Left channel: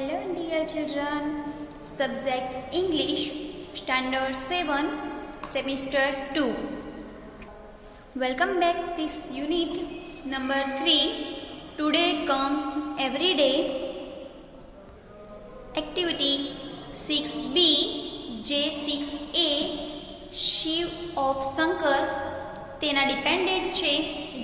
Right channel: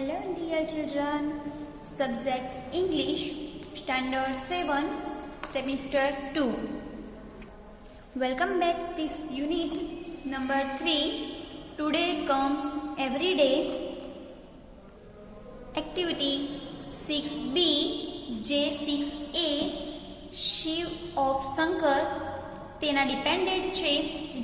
Hello dear children, subject English, Standard 7, Semester 2. Welcome back this unit number 3. Today comes everyday activity 6B, J6A, Shiv of Shankar તેના dependent છે.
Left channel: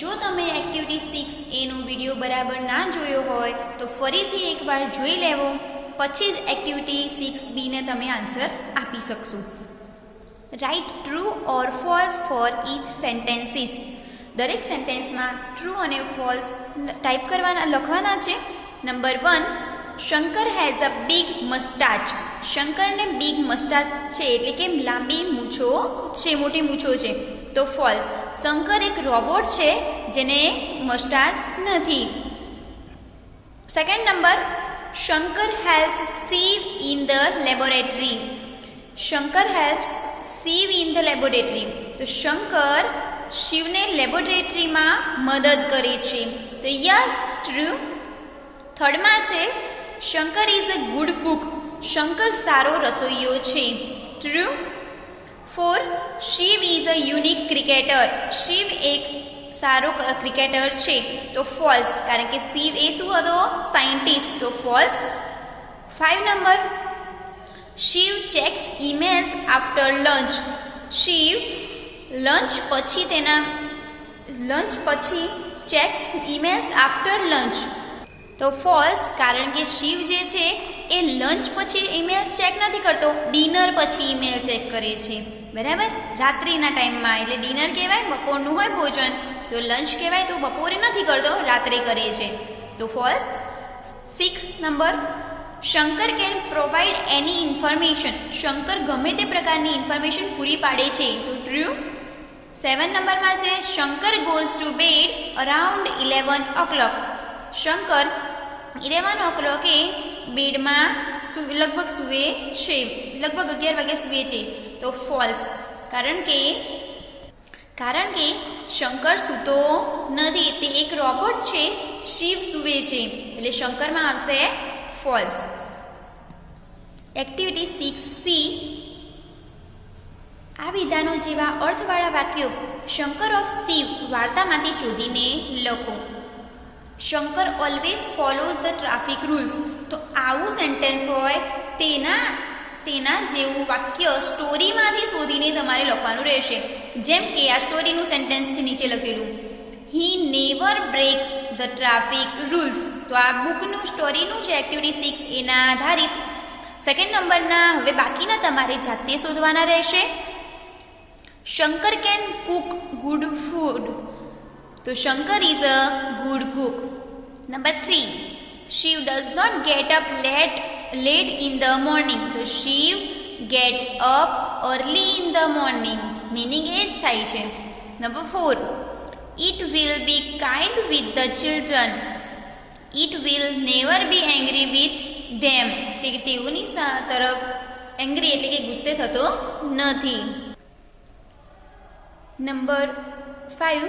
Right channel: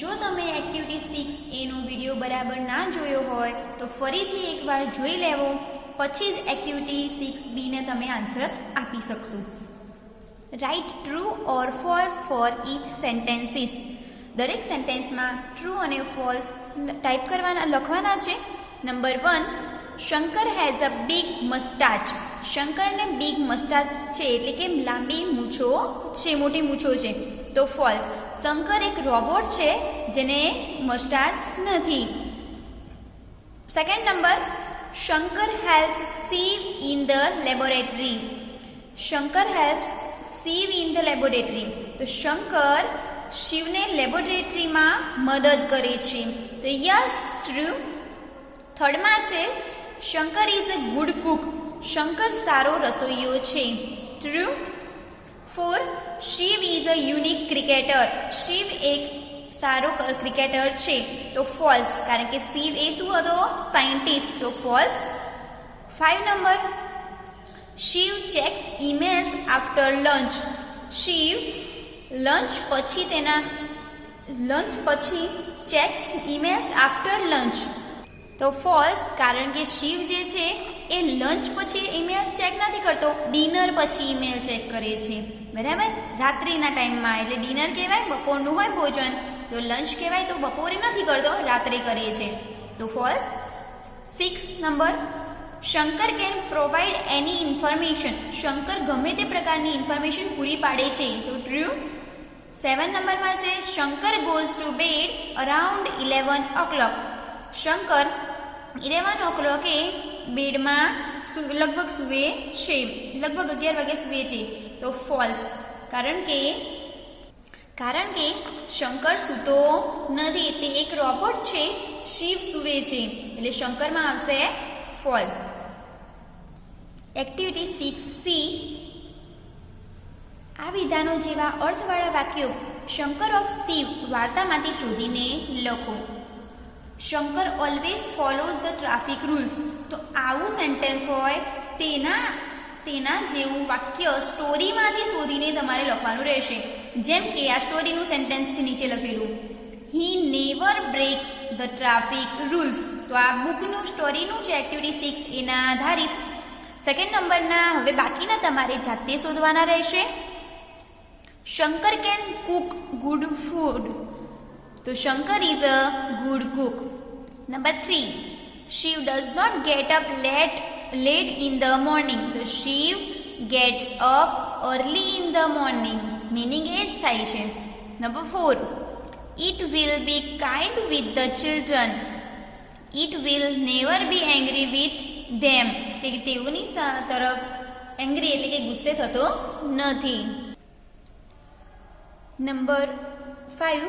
જો તમે activity 6A નો video બરાબર ના જોયો હોય તો ફરીથી એકવાર જોઈ લેવો, પછી જ એક્ટિવિટી 6B ને તમે આન્સર આપી શકશો. Right true or false for each sentences. દરેક સેન્ટેન્સમાં ટ્રુ અને ફોલ્સ ટાઈપ લખવાના છે. Number 1, Shankar has a big mustache. શંકરને બિગ મસ્ટાચ છે એટલે કે લાંબી મૂછો છે, મોટી મૂછો છે, તો ફોલ્સ. શંકર એક રોબોટ છે જેને મસ્ટાચ નથી. Second number, Shankar helps Shiv in the laboratory. Shankar helps Shiv in the laboratory, તો શંકર શિવને લેબોરેટરીમાં મદદ કરે છે, તો યસ ટ્રુ. થર્ડમાં છે, Shankar is a good cook. Shankar સારો રસોઈયો છે, true. 4, Shiv is a unique cricketer. Shiv એક સારો ક્રિકેટર છે, તો ફોલ્સ, કારણ કે શિવ એ શું હતો? સાયન્ટિસ્ટ, તો false. 5 number, Shiv checks emails after lunch. Shiv lunch પછી ચેક્સ ઈમેલ્સ આફ્ટર લંચ, તો ફોલ્સ, કારણ કે શિવ જે છે એ લંચ પછી ઈમેલ્સ ચેક નથી કરતો, ડિનર પછી ઈમેલ ચેક કરે છે, બરાબર? રાત્રિના ટાઈમમાં, એટલે ડિનર કહેવાય, બપોરનું હોય ભોજન, તો લંચ કહેવાય, તો બપોરે નથી કરતો, રાત્રે કરે છે, તો false. 6 number, Shankar can provide any information. Shankar ગમે તે પ્રકારની ઇન્ફોર્મેશન પૂરી પાડે છે, તો ટ્રુ. 7 નંબરમાં છે, Shankar goes to bed around 11 o'clock. Shankar 11 o'clock બેડમાં લગભગ સૂવે છે, લગભગ 11 વાગે સૂવે છે, તો ફોલ્સ, કારણ કે શંકર સૂતો નથી, તે એક રોબોટ છે, શિવ સૂવે છે, એટલે શંકરમાં આવશે ફોલ્સ. એક્ટિવિટી 6C, આ વિધાનો જેવા અર્થવાળા વાક્યો શંકર ઓફ શિવ વાર્તામાંથી શોધીને લખો. Shankar always follows the traffic rules. તો આવું સેન્ટેન્સ હોય તેના જેવું વાક્ય સ્ટોરીમાંથી શોધીને તમારે લખવાનું રહેશે. જેમ કે આ સ્ટોરીનું સેન્ટેન્સ છે નીચે લખેલું, he never breaks the traffic rules. તો આ બુકનું સ્ટોરીનું છે, એક્ટિવિટી 6 એના આધારિત. સેકન્ડ નંબરના હવે બાકીના તમારે જાતે શોધવાના રહેશે. Shankar can cook good food. તો Shankar is a good cook. Number 3, Shiv does not get up late in the morning. તો Shiv gets up early in the morning, meaning એ જ થાય છે. Number 4, it will be kind with the children. It will never be angry with them. તેઓની તરફ angry એટલે કે ગુસ્સે થતો નથી. Number 5,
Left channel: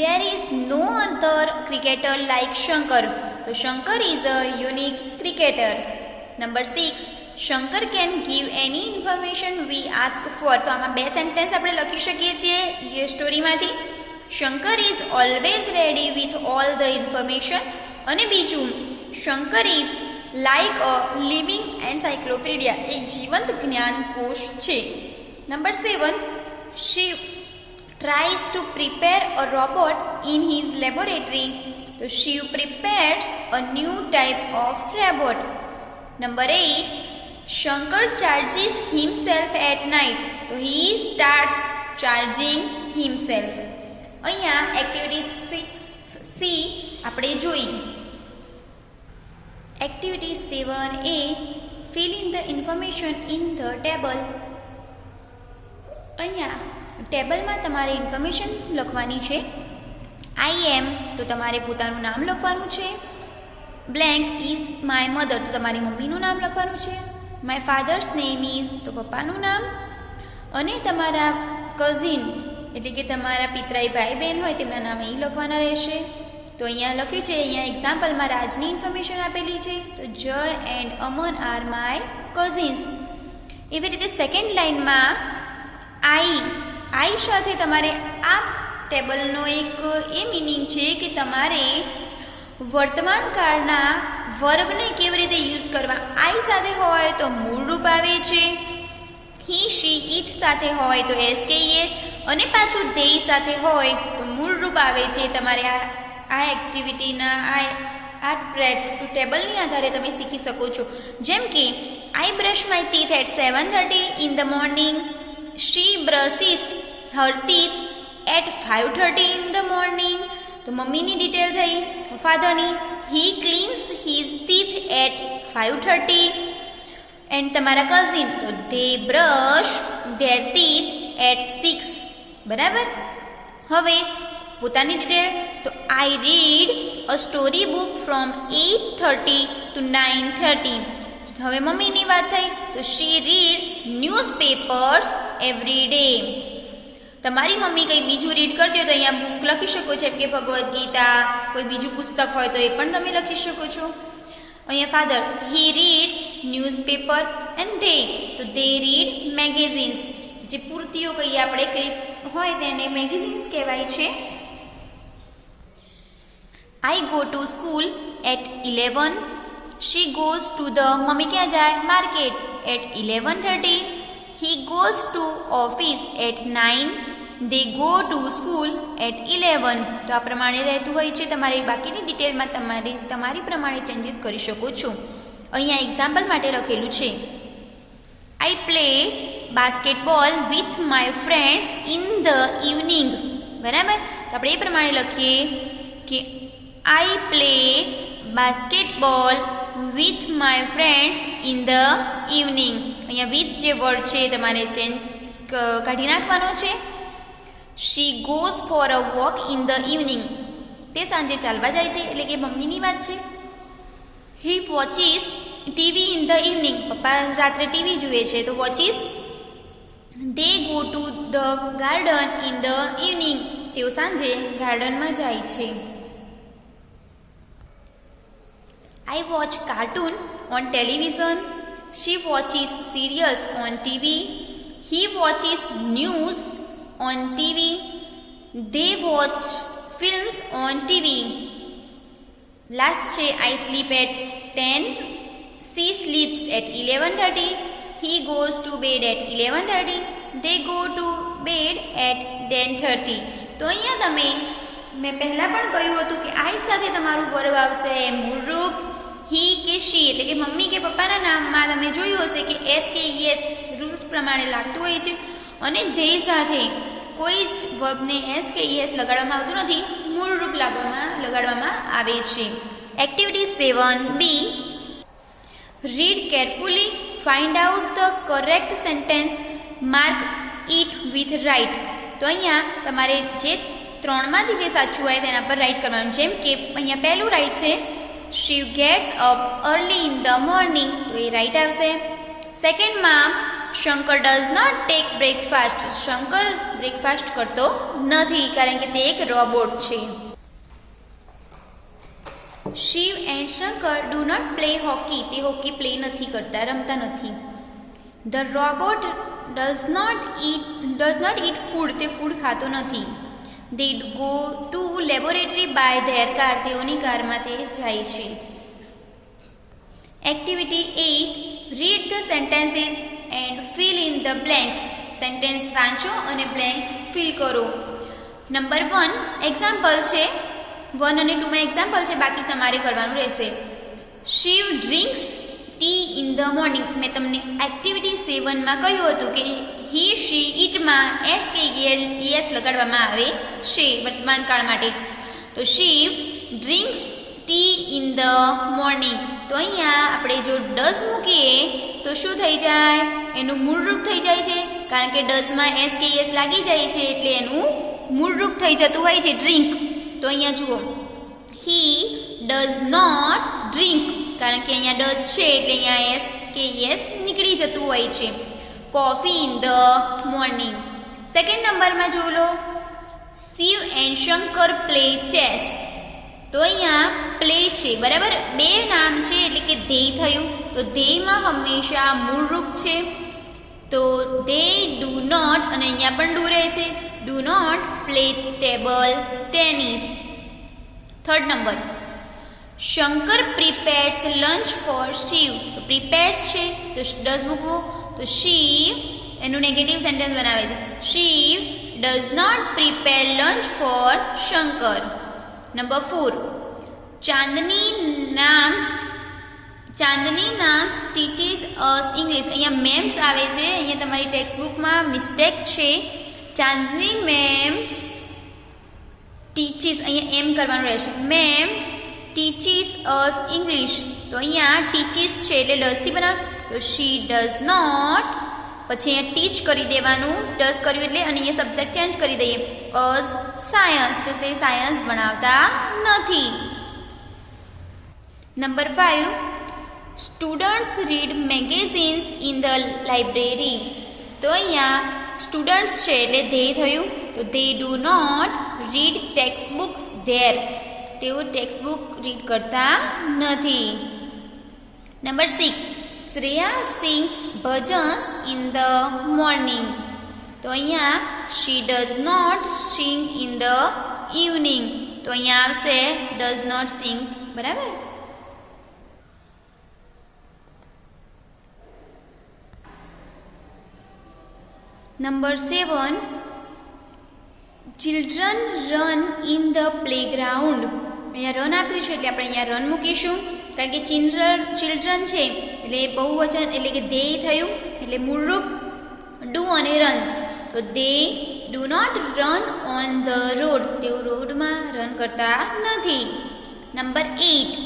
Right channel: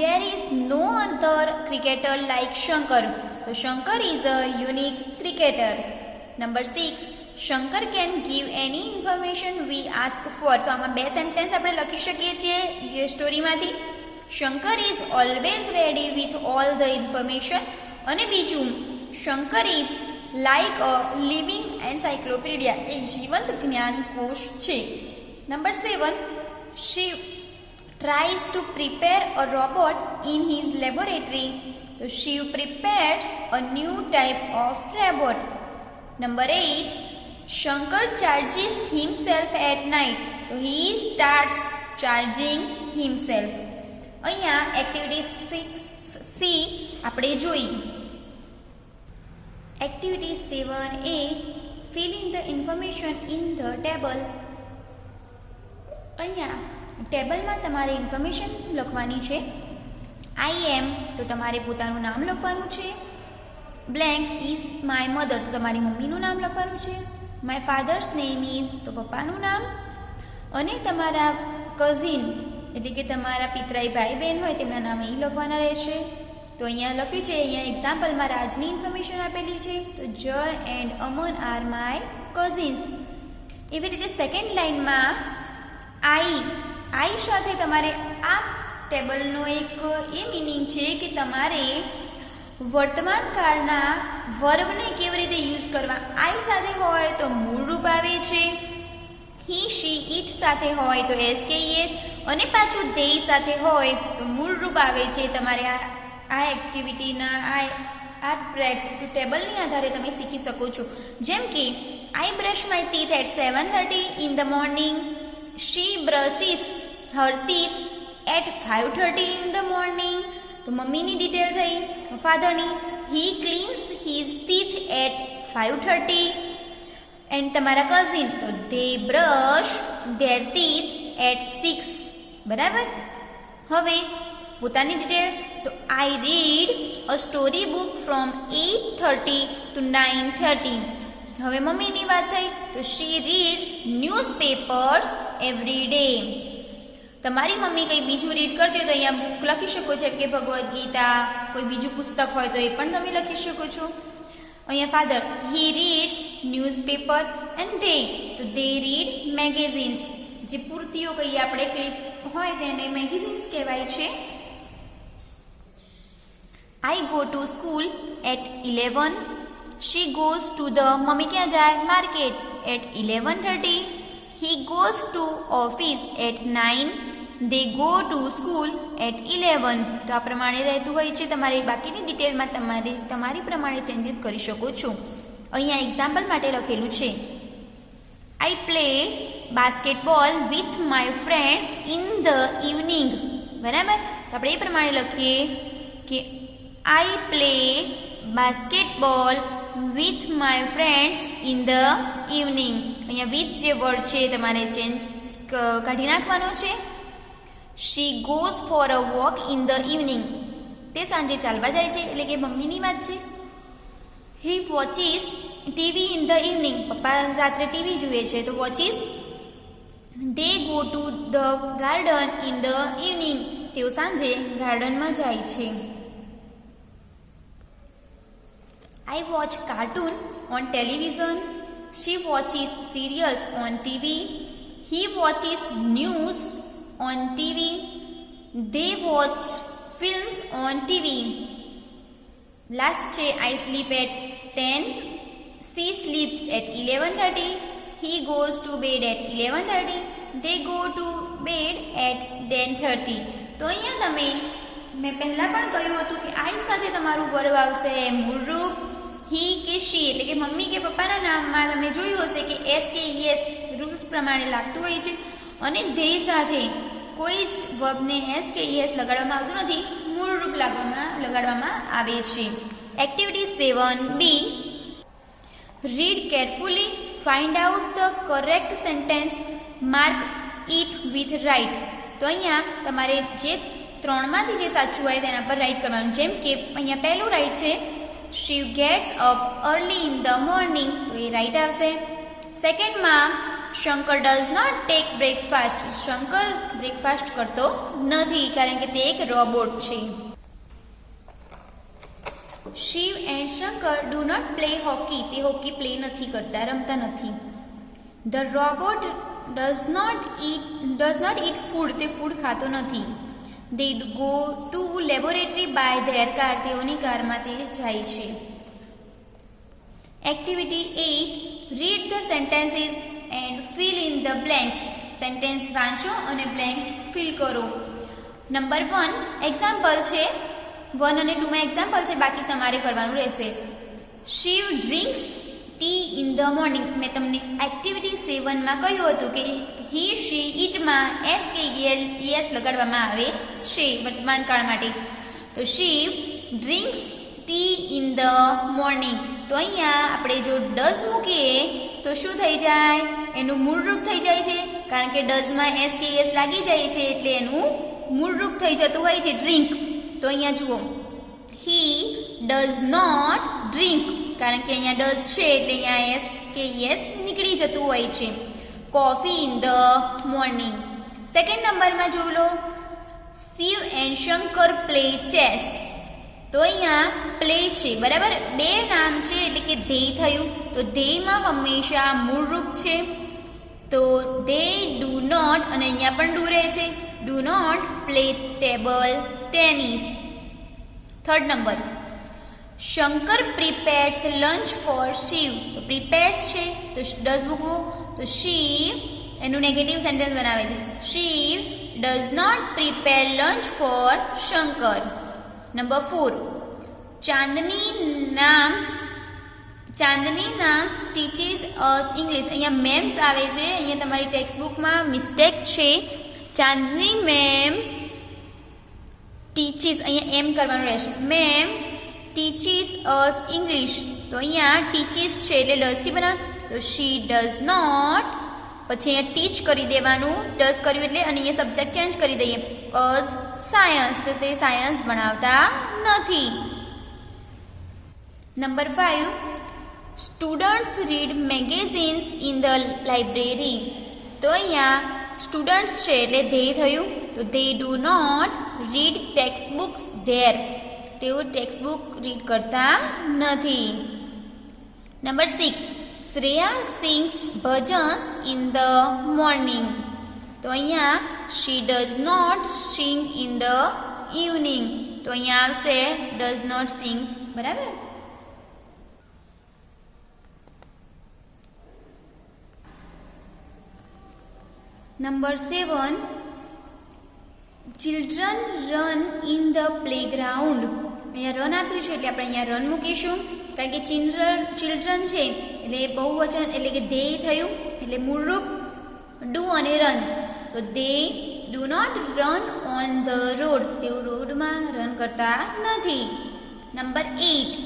there is no other cricketer like Shankar. તો Shankar is a unique cricketer. Number 6, Shankar can give any information we ask for. તો આમાં બે સેન્ટેન્સ આપણે લખી શકીએ છીએ એ સ્ટોરીમાંથી. Shankar is always ready with all the information. અને બીજું, Shankar is like a living encyclopedia. એક જીવંત જ્ઞાનકોશ છે. Number 7, Shiv tries to prepare a robot in his laboratory. So Shiv prepares a new type of robot. Number 8, Shankar charges himself at night. So he starts charging himself. અહીંયા activity 6C આપણે જોઈ. Activity 7A, fill in the information in the table. અહીંયા ટેબલમાં તમારે information લખવાની છે. આઈ એમ, તો તમારે પોતાનું નામ લખવાનું છે. બ્લેન્ક ઇઝ માય મધર, તો તમારી મમ્મીનું નામ લખવાનું છે. માય ફાધર્સ નેમ ઇઝ, તો પપ્પાનું નામ. અને તમારા કઝિન એટલે કે તમારા પિતરાઈ ભાઈ બહેન હોય તેમના નામ એ લખવાના રહેશે. તો અહીંયા લખ્યું છે, અહીંયા એક્ઝામ્પલમાં રાજની ઇન્ફોર્મેશન આપેલી છે. તો જય and Aman are my cousins. એવી રીતે સેકન્ડ લાઇનમાં આઈ સાથે તમારે આ ટેબલનો એક એ મિનિંગ છે કે તમારે વર્તમાન કાળના વર્બને કેવી રીતે યુઝ કરવા. આઈ સાથે હોય તો મૂળ રૂપ આવે છે, હી શી ઇટ સાથે હોય તો એસ કે એસ, અને પાછું ધેય સાથે હોય તો મૂળ રૂપ આવે છે. તમારે આ એક્ટિવિટીના આ ટેબલની આધારે તમે શીખી શકો છો. જેમ કે I brush my teeth at 7:30 in the morning. She brushes her teeth at 5:30 in the morning. તો મમ્મીની ડિટેલ થઈ. ફાધરની he cleanses his teeth at 5:30. And તમારા કઝિન તો they brush their teeth at 6. બરાબર. હવે પોતાની ડિટેલ તો I read a story book from 8:30 to 9:30. હવે મમ્મીની વાત થઈ તો she reads newspapers every day. તમારી મમ્મી કંઈ બીજું રીડ કરતી હોય તો અહીંયા બુક લખી શકો છો, કે ભગવદ્ ગીતા, કોઈ બીજું પુસ્તક હોય તો એ પણ તમે લખી શકો છો. અહીંયા father he reads newspaper and they તો ધે રીડ મેગેઝિન્સ. જે પૂર્તિઓ કહીએ આપણે ક્લિપ હોય તેને મેગેઝિન્સ કહેવાય છે. I go to school at 11. She goes to the mummy ક્યાં જાય market at 11:30. He goes to office at 9. They go to school at 11. તો આ પ્રમાણે રહેતું હોય છે. તમારી બાકીની ડિટેલમાં તમારી પ્રમાણે ચેન્જીસ કરી શકો છો. અહીંયા એક્ઝામ્પલ માટે લખેલું છે, I play basketball with my friends in the evening. બરાબર. તો આપણે એ પ્રમાણે લખીએ કે I play basketball with my friends in the evening. અહીંયા વિથ જે વર્ડ છે તમારે ચેન્જ કાઢી નાખવાનો છે. She goes for a walk in the evening. તે સાંજે ચાલવા જાય છે, એટલે કે મમ્મીની વાત છે. He watches TV in the evening. પપ્પા રાત્રે ટીવી જુએ છે તો watches. They go to the garden in the evening. તેઓ સાંજે ગાર્ડનમાં જાય છે. I watch cartoon on television. She watches serials on TV. He watches news on TV. They watch films on TV. Last છે I sleep at 10. She sleeps at 11:30. He goes to bed at 11:30. They go to bed at 10:30. તો અહીંયા મેં પહેલાં પણ કહ્યું હતું કે આઈ સાથે તમારું વર્બ આવશે મૂળરૂપ. હી કે શી એટલે કે મમ્મી કે પપ્પાના નામમાં તમે જોયું હશે કે એસ કે યસ રૂલ્સ પ્રમાણે લાગતું હોય છે. અને ધેય સાથે કોઈ જ વર્બને એસ કે યસ લગાડવામાં આવતું નથી, મૂળરૂપ લગાડવામાં આવે છે. Activity 7B. Read carefully, find out the correct sentence, mark it with right. તો અહીંયા તમારે જે ત્રણમાંથી જે સાચું હોય તેના પર રાઇટ કરવાનું. જેમ કે અહીંયા પહેલું રાઇટ છે, she gets up early in the morning. તો એ રાઇટ આવશે. સેકન્ડમાં Shankar does not take breakfast. Shankar breakfast કરતો નથી કારણ કે તે એક રોબોટ છે. Shiv and Shankar do not play hockey. તે હોકી પ્લે નથી કરતા, રમતા નથી. The robot does not eat food. તે ફૂડ ખાતો નથી. They go to laboratory by their car. તેઓની કારમાં તે જાય છે. Activity 8. Read the sentences and fill in the blanks. Sentence વાંચો અને બ્લેન્ક ફિલ કરો. નંબર 1 એક્ઝામ્પલ છે. 1 અને 2 માં એક્ઝામ્પલ છે, બાકી તમારે કરવાનું રહેશે. Shiv drinks tea in the morning. મેં તમને એક્ટિવિટી 7 માં કહ્યું હતું કે હી શી ઇટમાં એસ કે યસ લગાડવામાં આવે છે વર્તમાન કાળ માટે. તો Shiv drinks tea in the morning. તો અહીંયા આપણે જો ડઝ મૂકીએ તો શું થઈ જાય? એનું મૂળરૂપ થઈ જાય છે, કારણ કે ડઝમાં એસ કે યસ લાગી જાય છે એટલે એનું મૂળરૂપ થઈ જતું હોય છે ડ્રિંક. તો અહીંયા જુઓ, હી ડઝ નોટ ડ્રિંક, કારણ કે અહીંયા ડઝ છે એટલે અહીંયા એસ કે યસ નીકળી જતું હોય છે. Coffee in the morning. Second નંબરમાં જોઈ લો, Shiv and Shankar play chess. તો અહીંયા પ્લે છે, બરાબર. બે નામ છે એટલે કે ધેય થયું. તો ધેયમાં હંમેશા મૂળ રૂપ છે. તો દે ડુ નોટ, અને અહીંયા પણ ડુ રહે છે, do not play table tennis. Third number, Shankar prepares lunch for Shiv. તો પ્રિપેર્સ છે તો ડઝ મૂકવો. તો શિવ એનું નેગેટિવ સેન્ટેન્સ બનાવે છે. Shiv does not prepare lunch for Shankar. Number 4, Chandni નામ્સ ટીચીસ અસ ઇંગ્લિશ. અહીંયા મેમ્સ આવે છે, અહીંયા તમારી ટેક્સ્ટબુકમાં મિસ્ટેક છે. ચાંદની મેમ ટીચીસ, અહીંયા એમ કરવાનું રહેશે. Ma'am teaches us English. તો અહીંયા ટીચીસ છે એટલે ડઝથી બનાવ. તો શી ડઝ નોટ, પછી અહીંયા ટીચ કરી દેવાનું, ડઝ કર્યું એટલે, અને અહીંયા સબ્જેક્ટ ચેન્જ કરી દઈએ, અસ સાયન્સ. તો તે સાયન્સ ભણાવતા નથી. Number 5, students read magazines in the library. તો અહીંયા સ્ટુડન્ટ્સ છે એટલે ધેય થયું. તો they do not read text books there. તેઓ ટેક્સ્ટ બુક રીડ કરતા નથી. Number 6, Shreya sings bhajans in the morning. તો અહીંયા she does not sing in the evening. તો અહીંયા આવશે ડઝ નોટ સિંગ, બરાબર. Number 7, children run in the playground. અહીંયા રન આપ્યું છે એટલે આપણે અહીંયા રન મૂકીશું, કારણ કે ચિલ્ડ્રન છે એટલે બહુવચન એટલે કે ધેય થયું, એટલે મૂળરૂપ ડુ અને રન. તો they do not run on the road. તેઓ રોડમાં રન કરતા નથી. નંબર 8,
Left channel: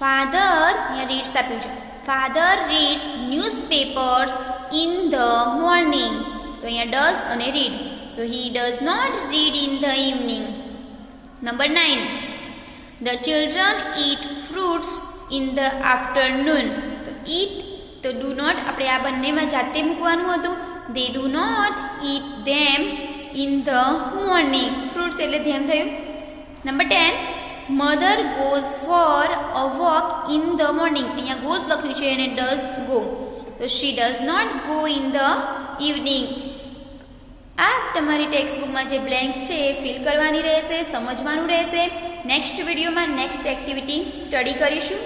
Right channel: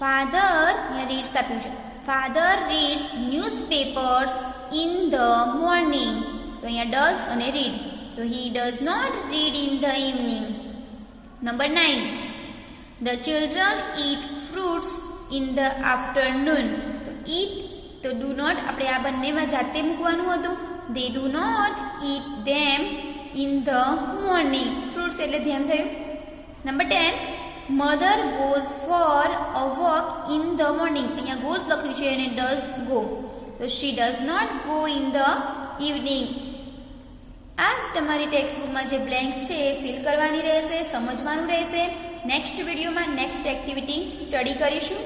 ફાધર, અહીંયા રીડ્સ આપ્યું છે. Father reads newspapers in the morning. તો અહીંયા ડઝ અને રીડ. તો he does not read in the evening. Number 9, the children eat fruits in the afternoon. તો ઇટ, તો ડુ નોટ આપણે આ બંનેમાં જાતે મૂકવાનું હતું. They do not eat them in the morning. Fruits એટલે ધેમ થયું. Number 10, mother goes for a walk in the morning. અહીંયા ગોઝ લખ્યું છે અને ડઝ ગો. તો she does not go in the evening. આ તમારી ટેક્સ્ટબુકમાં જે બ્લેન્ક્સ છે એ ફિલ કરવાની રહેશે, સમજવાનું રહેશે. નેક્સ્ટ વિડીયોમાં નેક્સ્ટ એક્ટિવિટી સ્ટડી કરીશું.